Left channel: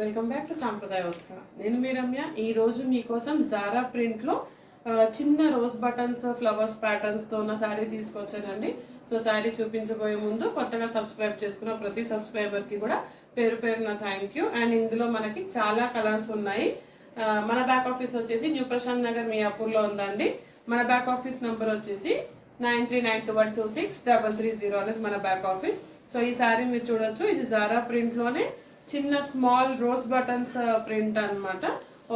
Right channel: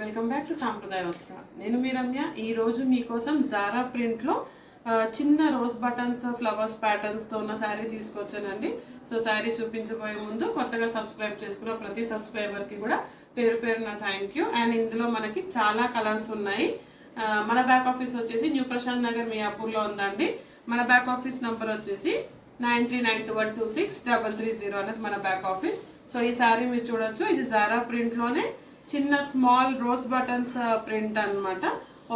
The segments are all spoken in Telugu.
వెల్కమ్ బ్యాక్ టు సాంప్రదాయ వస్త్ర. నేను మీ రమ్య. ఈ రోజు మీకోసం జారా ప్రింట్ లో చిన్న రోజ్ బటన్స్ ఫ్లవర్స్ ప్యాటర్న్స్ తో ఉన్న శారీ తీసుకొచ్చానండి. సో శారీ చూపించబోయే ముందు కొత్తగా సబ్స్క్రైబ్ చేసుకున్న ప్రతి సబ్స్క్రైబర్ కి కూడా పేరు పేరున థ్యాంక్ యూ. అండ్ ఇందులో మనకి చాలా కలర్స్ ఉన్నాయి. మన బ్యాక్ ఆఫీస్ వచ్చేసి న్యూ ప్రశాంత్ నగర్ మియాపూర్ లో ఉందండి. మన బ్యాక్ ఆఫీస్ నంబర్ వచ్చేసి 9392126330 అనేది మన బ్యాక్ ఆఫీస్. సో ఈ శారీ మీరు చూడొచ్చు, ఇది జారా ప్రింట్ లోనే చిన్న స్మాల్ రోజ్ బటన్స్ ప్రింట్ అన్నమాట.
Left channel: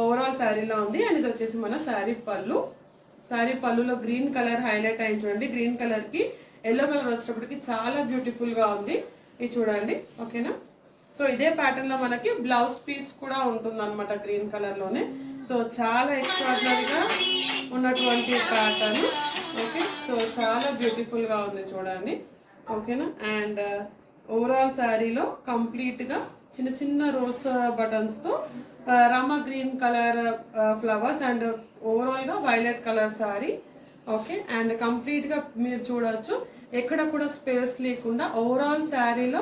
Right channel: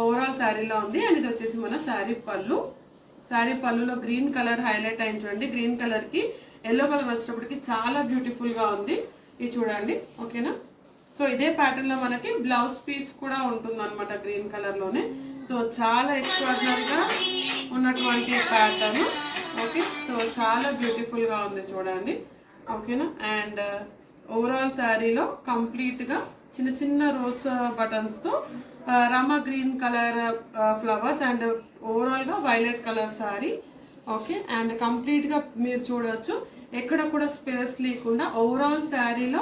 ఓవరాల్ శారీలో ఉంది. అండ్ ఇది వచ్చేసి మన శారీ పళ్ళు. శారీ పళ్ళులో గ్రీన్ కలర్ హైలైట్ అయింది చూడండి. గ్రీన్ కలర్ కి ఎల్లో కలర్ వచ్చేటప్పటికి చాలా బ్యూటిఫుల్ గా ఉంది. ఇది చూడండి, ఓకేనా. సో ఇదే ప్యాటర్న్ లో మనకి బ్లౌజ్ పీస్ కూడా ఉంటుంది అనమాట గ్రీన్ కలర్ లోనే. సో చాలా ఎక్స్ట్రాడినరీగా ఉన్నటువంటి ప్యాటర్న్. ఓకే, సో చాలా బ్యూటిఫుల్ గా ఉంది చూడండి, ఓకేనా. అండ్ ఓవరాల్ శారీలో కంప్లీట్ గా చిన్న చిన్న రోజ్ బటన్స్ తో రామా green colour flowers and overall గా violet colour sari. Okay, and complete గా మీరు చూడొచ్చు, ఎక్కడ కూడా స్పేస్ లేకుండా ఓవరాల్ శారీలో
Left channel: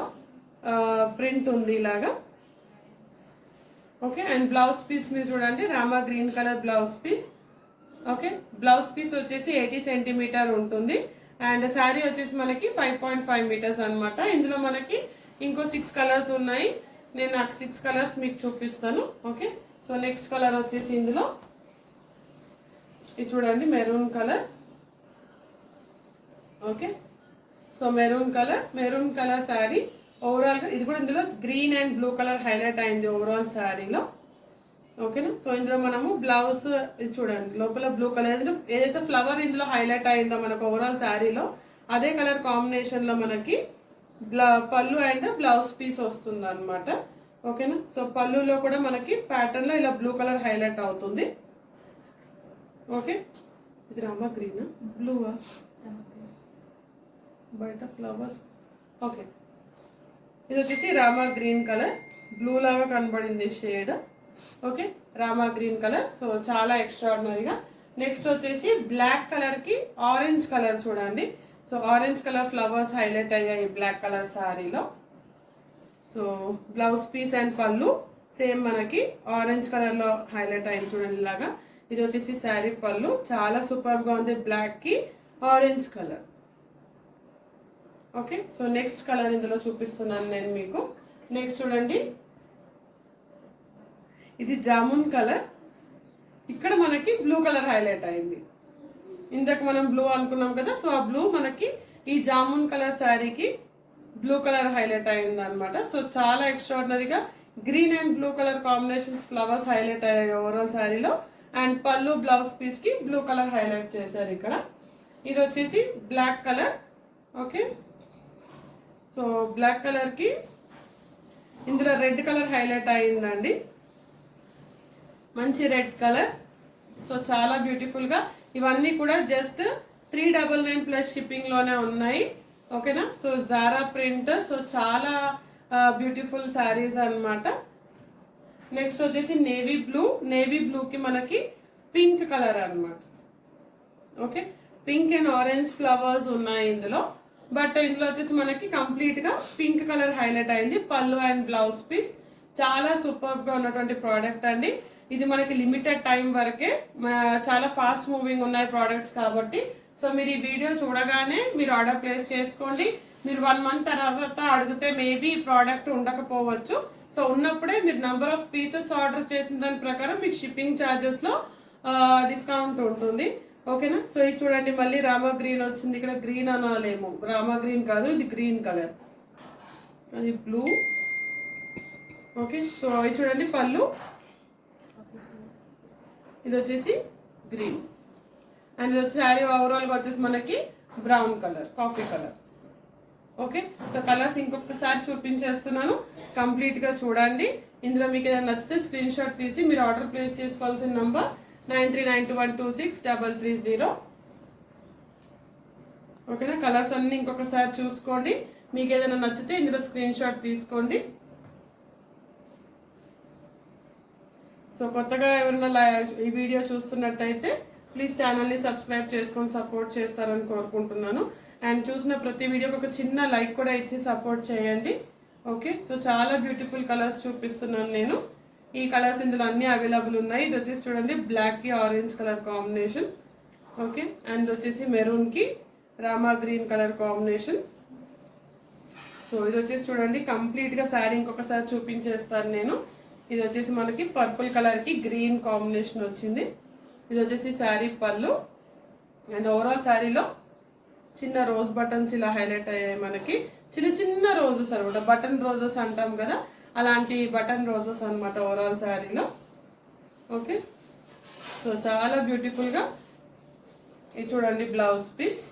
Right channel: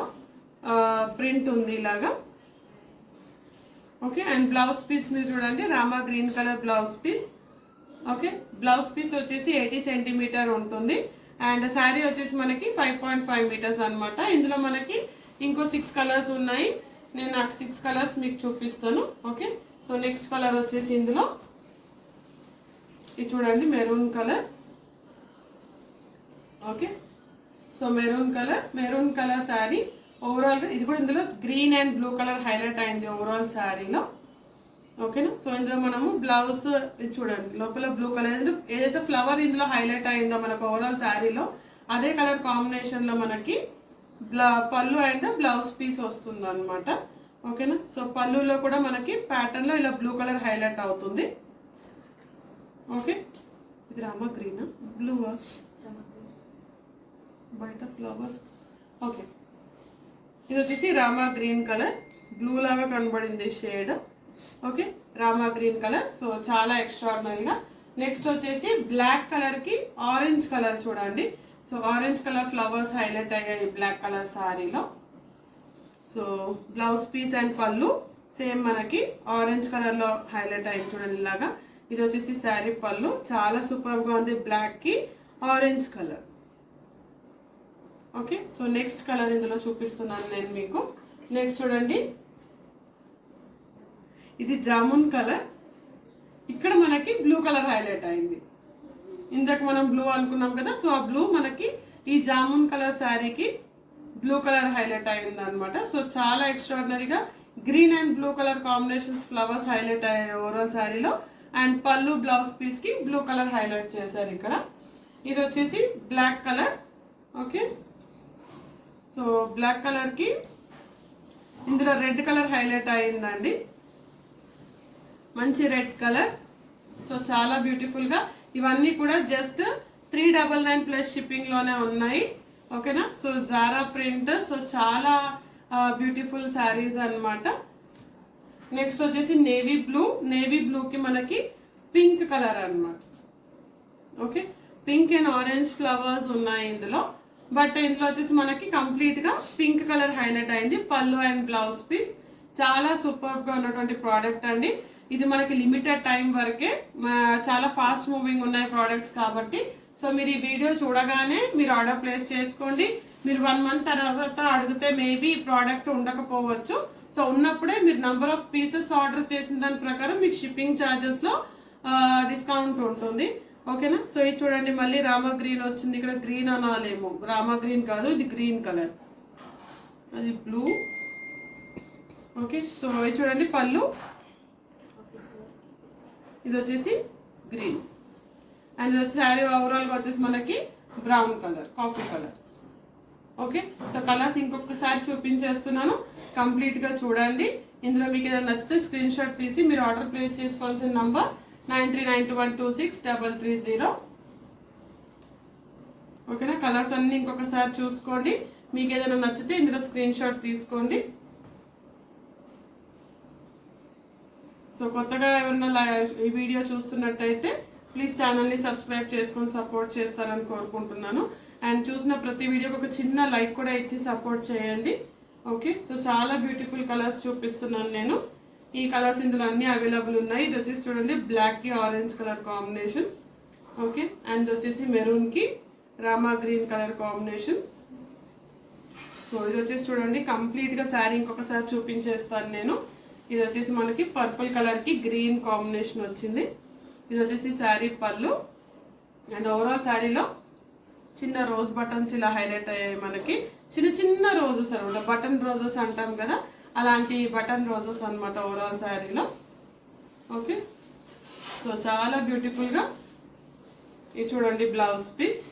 ప్రింట్ ఉంది ఇలాగా. ఓకే, అండ్ బ్లౌజ్ పీస్ మీరు చూడండి, Rama green colour blouse piece. Okay, blouse piece వచ్చేసి 80 సెంటీమీటర్ ఉంటుంది. అండ్ శారీ వచ్చేసి మనకి 5.5 మీటర్స్ అనమాట. ఇందులో మనకి ఇంకో 6 కలర్స్ ఉన్నాయి. నేను నాకు 6 కలర్స్ మీకు చూపిస్తాను. ఓకే, సో నెక్స్ట్ కలర్ వచ్చేసి ఇందులో ఇది చూడండి, maroon colour. Okay, so maroon colour sari. Overall గా ఇది కూడా ఇందులో green and blue colour highlight అయింది ఓవరాల్ శారీలో. ఓకేనా. సో ఇందులో మనము బ్లౌజ్ ఇది చూడండి, లోపల బ్లూ కలర్ ఏదైతే ఫ్లవర్ ఇందులో హైలైట్ అయిందో మనకు ఓవరాల్ శారీలో అదే కలర్ కాంబినేషన్ లో మనకి పళ్ళు అండ్ బ్లౌజ్ పీస్ వస్తుంది అనమాట. ఓకేనా. సో పళ్ళులో కూడా మనకి ప్యాటర్న్ లో ఇలా బ్లూ కలర్ హైలైట్ అవుతుంది. ఓకే, ఇది రామా గ్రీన్ బ్లూ బయట ఫ్లవర్స్. ఓకే, ఇది వచ్చేసి రామా గ్రీన్ కలర్, బ్లూ లాగా కనబడింది shade. Okay, Rama green colour. So చాలా ఎక్స్ట్రాడినరీగా. నెక్స్ట్ వచ్చేసి బ్లాక్ కలర్ కి ఆరెంజ్ కలర్ చూడండి. So orange colour flowers highlight అయ్యాయి బ్లాక్ కలర్ శారీలో. సో బ్లౌజ్ పీస్ అండ్ పళ్ళు సేమ్ మనకి ఆరెంజ్ కలర్ లో హైలైట్ అయింది చూడండి ఇలాగా. ఇది వచ్చేసి శారీ పళ్ళు, చాలా సూపర్ గా ఉంది, బ్లాక్ కి orange colour. Okay, so next colour ఇందులో చూపిస్తున్నాను నేను మీకు. నెక్స్ట్ చూడండి, ఇది జామున్ కలర్. ఇక్కడ మనకి బ్లూ కలర్ హైలైట్ అయింది. ఇందాక మనం బ్లూ అనుకున్నాం కదా, సో ఆ బ్లూ మనకి ఈ జామున్ కలర్ శారీకి బ్లూ కలర్ హైలైట్ అయింది అనమాట. సో చాలా ఎక్స్ట్రాడినరీగా green and blue colour combinations flowers highlight అయ్యాయి ఓవరాల్ శారీలో. అండ్ పళ్ళు బ్లౌజ్ పీస్ కి బ్లూ కలర్ హైలైట్ చేశారు ఇక్కడ. ఇది వచ్చేసి black colour. Okay, so black colour కి ఇందులో రెడ్ కలర్ హైలైట్ అయిందండి, మంచి రెడ్ కలర్. సో చాలా బ్యూటిఫుల్ గా ఇవన్నీ కూడా జస్ట్ 399 ప్లస్ షిప్పింగ్ లోనే ఉన్నాయి. ఓకేనా. So Zara print. సో చాలా బ్యూటిఫుల్ శారీస్ అన్నమాట. నెక్స్ట్ వచ్చేసి నేవీ బ్లూ కి మనకి పింక్ కలర్ అన్నమాట. Okay, pink and orange flowers ఉన్నాయి ఇందులో. బట్ ఇందులో వచ్చేసి మనకి కంప్లీట్ గా పింక్ కలర్ హైలైట్ అయింది. పళ్ళు అండ్ బ్లౌజ్ పీస్ చాలా సూపర్ గా ఉన్నటువంటి ప్రోడక్ట్ అండి. ఇది మనకి లిమిటెడ్ టైం వరకే, చాలా ఫాస్ట్ మూవింగ్ ఉన్నాయి ప్రోడక్ట్స్ కాబట్టి. సో మీరు ఈ వీడియో చూడగానే మీరు ఆర్డర్ ప్లేస్ చేసుకోండి. మీరు 1 మంత్ తర్వాత అడిగితే మేబీ ఈ ప్రోడక్ట్ ఉండకపోవచ్చు. సో ఉన్నప్పుడే మీరు నంబర్ ఆఫ్ పీసెస్ ఆర్డర్ చేసిన దాని ప్రకారం మీకు షిప్పింగ్ ఛార్జెస్ లో డిస్కౌంట్ ఉంటుంది. ఓకేనా. సో ఇది చూడండి, మళ్ళీ రామా గ్రీన్ వచ్చింది. ఇక్కడ గ్రీన్ అనాలేమో, రామా గ్రీన్ కాదు, ఇది గ్రీన్ కలర్, అది బ్లూ. ఓకే, సో ఇది చూడండి పళ్ళు, ఇది వచ్చేసి గ్రీన్. అండ్ ఇది వచ్చి శారీ ఓవరాల్ గా వచ్చేసి మనకి brown colour, coffee colour. Okay, so colours ఇంకొకసారి చూపించేస్తున్నాను, కంప్లీట్ గా చూడండి. ఇందులో మీకు ఏదైనా నచ్చితే స్క్రీన్ షాట్ తీసి మీరు ఆర్డర్ ప్లేస్ చేసుకోవాల్సిన నంబర్ 9392126330. ఓకేనా. కలర్స్ అన్ని ఇంకొకసారి చూసుకోండి, మీకు ఏదైనా నచ్చితే ఇందులో స్క్రీన్ షాట్ తీసుకోండి. సో కొత్తగా ఎవరైనా ఈ వీడియో చూస్తున్నట్టయితే ప్లీజ్ ఛానల్ని సబ్స్క్రైబ్ చేసుకొని సపోర్ట్ చేస్తారని కోరుకుంటున్నాను. అండ్ చూసిన ప్రతి వీడియోకి ఒక చిన్న లైక్ కూడా ఇచ్చి సపోర్ట్ చేయండి. ఓకే, సో చాలా బ్యూటిఫుల్ కలర్స్ చూపిస్తున్నాను నేను. ఈ కలర్స్ ఇందులో అన్ని అవైలబుల్ ఉన్నాయి. ఇది వచ్చేసి చూడండి బ్లాక్ కి orange colour combination. Okay, and వచ్చేసి మెరూన్ కి Rama green colour combination. So ఇది వచ్చేసి చూడండి కంప్లీట్ గా శారీ ఇంకొకసారి చూపించేస్తాను నేను. ఇది వచ్చేసి మనకి పర్పుల్ కలర్ కి గ్రీన్ కాంబినేషన్ వచ్చింది. ఇది వచ్చేసి శారీ పళ్ళు. అండ్ ఓవరాల్ శారీలో చిన్న రోజ్ బటన్స్ ఇలా హైలైట్ అయ్యాయి మనకి. చిన్న చిన్న రోజెస్ అనమాట, బటన్ రోజెస్ అంటాం కదా, అలాంటి బటన్ రోజెస్ అనమాట ఓవరాల్ శారీలో. ఓకే, సో చాలా బ్యూటిఫుల్గా. ఇది చూడండి బ్లౌజ్ పీస్.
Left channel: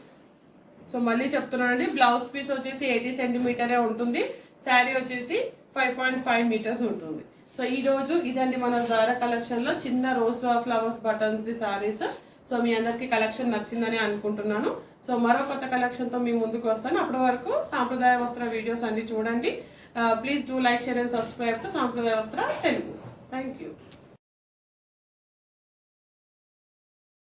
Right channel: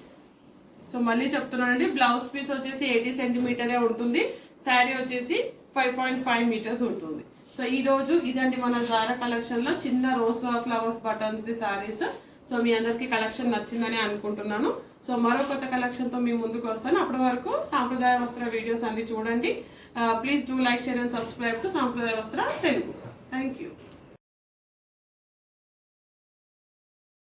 సో మళ్ళీ చెప్తున్నానండి, బ్లౌజ్ పీస్ వచ్చేసి 80 సెంటీమీటరే ఉంటుంది. శారీ వచ్చేసి 5.5 మీటర్స్ ఉంటుంది. సో ఈ రోజు ఇదండి మన జారా కలెక్షన్ లో చిన్న రోజ్ ఫ్లవర్స్ బటన్స్ ది సారీస్. సో మీ అందరికి కలెక్షన్ నచ్చిందని అనుకుంటున్నాను. సో మరో కొత్త కలెక్షన్ తో మీ ముందుకు వస్తాను. అప్పటి వరకు సాంప్రదాయ వస్త్ర వీడియోస్ అన్ని చూడండి. Please do like, share and subscribe to సాంప్రదాయ వస్త్ర తెలుగు. Thank you.